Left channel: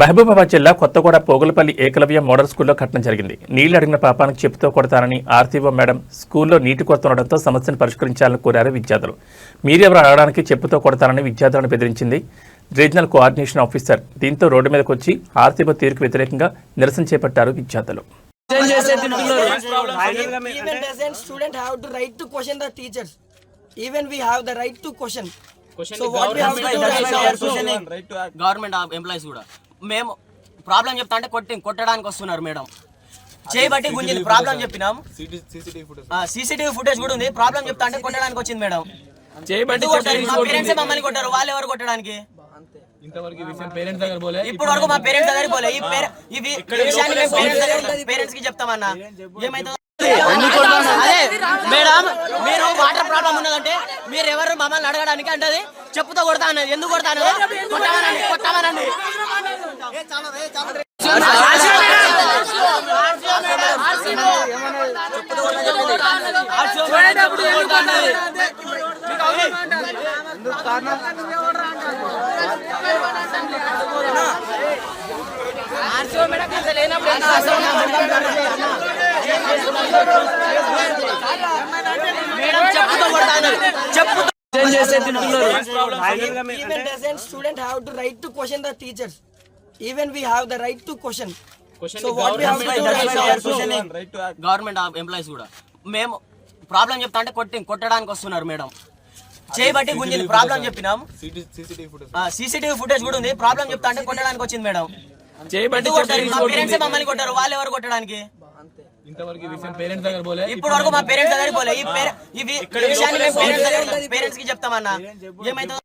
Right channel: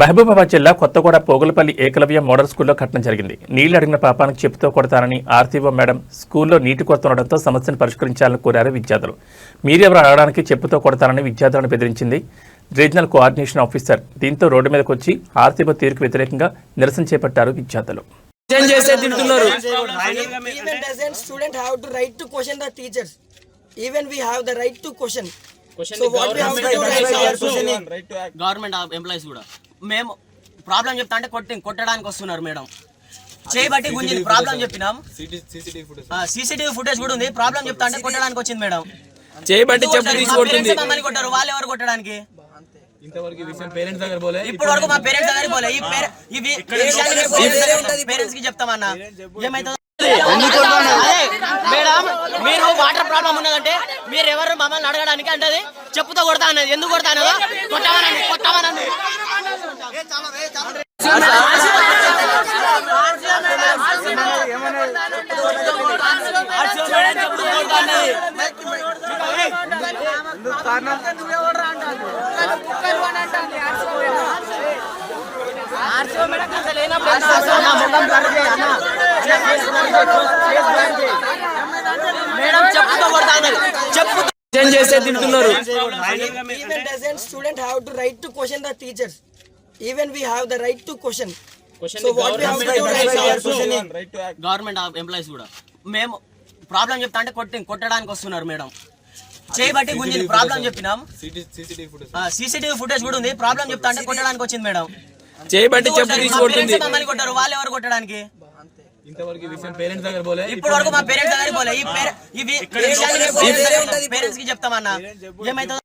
మహబూబాబాద్ జిల్లా కొత్తగూడ పోగులపల్లి ఏకలవ్య మోడల్ స్కూల్లో ఘటన జరిగింది. నీళ్లు అడిగిన పాపానికి చెప్పుతో కొడతానని ఆర్టీఓ మేడం స్కూల్లో నీటి కొరత ఉండడంతో సమస్యను పరిష్కరించాలని కోరారు విద్యార్థులు. మీరెవరు అడగడానికి చెప్పుతో కొడతానని విద్యార్థులను బెదిరించింది రీజనల్ కోఆర్డినేషన్ ఆఫీసర్. దీంతో రోడ్డు మీదకు వచ్చి ఆర్టీఓ తీరుకు వ్యతిరేకంగా నిరసన చేపట్టారు విద్యార్థులు. గవర్నమెంట్ ఎంప్లాయీస్ కూడా మేము ప్రాబ్లం చెప్తా అంటే కొట్టడానికి వస్తున్నారు మేడం. చేయబట్టి గుంజింది ప్రాబ్లం చెప్పినాం. సీసీటీవీ ఫుటేజ్ కూడా ఉంది. ప్రాబ్లం చెప్తా అంటే కొట్టడానికి వచ్చింది మేడం. మమ్మల్ని కొట్టారు. వాళ్ళు ఎవరు కొట్టడానికి? ఇప్పుడు వరకు మా పేరెంట్స్ దగ్గర పోలే. ఇవి పేరెంట్స్ కి చెప్తామన్నా ఏమైతుంది? అదే మేడం, మీరు వాటర్ ప్రాబ్లం ఉన్నదంటే మీరు ఎవరు మమ్మల్ని అడగడానికి అంటే చెప్పుతో కొడతా అన్నది. ఎందుకు కొడతా అన్నదో కొట్టామనండి. మేడం చెప్పుతో కొడతా అన్నది. చెప్పుతో even doesn't student have to right to question the teachers. Even we have the right to question. So what we have to do government employees కూడా మేము ప్రాబ్లం చెప్తా అంటే కొట్టడానికి వస్తున్నారు మేడం. చేయబట్టి గుంజింది ప్రాబ్లం చెప్పినాం. సీసీటీవీ ఫుటేజ్ కూడా ఉంది. ప్రాబ్లం చెప్తా అంటే కొట్టడానికి వచ్చింది మేడం. మమ్మల్ని కొట్టారు. వాళ్ళు ఎవరు కొట్టడానికి? ఇప్పుడు వరకు మా పేరెంట్స్ దగ్గర పోలే. ఇవి పేరెంట్స్ కి చెప్తామన్నా ఏమైతుంది?